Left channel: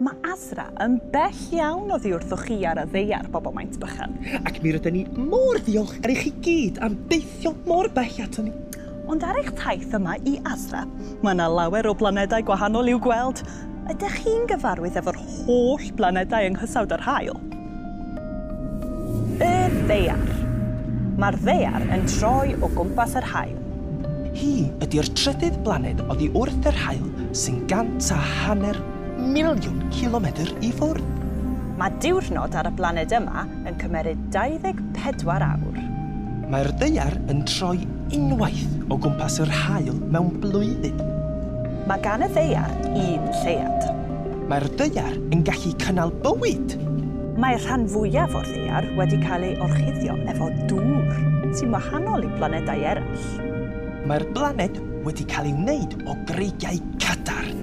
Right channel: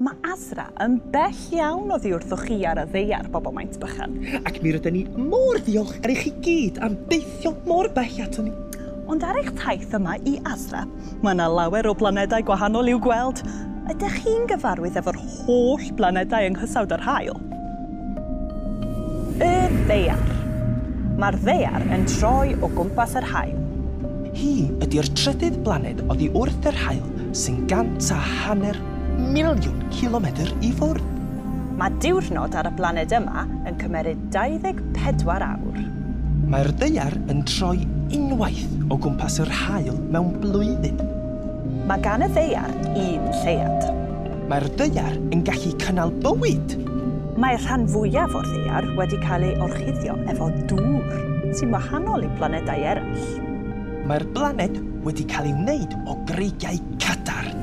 Mae Asra yn bell iawn oddi wrthoch chi ar y ddeiar, bobl maint bychan. Ac mi rydyn ni mor ddiolchgar i chi gyd am deithio mor bell ato ni. Ond ar eich taith yma i Asra, mae yna lawer o blanedau gwahanol i'w gweld. Ydych chi'n gyfarwydd efo'r holl blanedau yng nghysawd yr haul? Y ddeiar. Mae'r ddeiar yn troi o gwmpas yr haul. Hi ydy'r trydydd blaned oddi wrth yr haul sy'n 150 miliwn kilometr i ffwrdd. Mae diwrnod ar y blaned yma yn cymeryd 24 awr. Mae'r ddeiar yn troi unwaith o gwmpas yr haul mewn blwyddyn. Mae gan y ddeiar un lleiad. Mae'r ddeiar yn gallu cynnal bywyd. Mae'r rhan fwyaf o'r ddeiar wedi cael ei orchuddio efo dŵr, sy'n wahanol i blanedau eraill. Mae'r blaned wedi cael ei wneud o greigiau cadarn.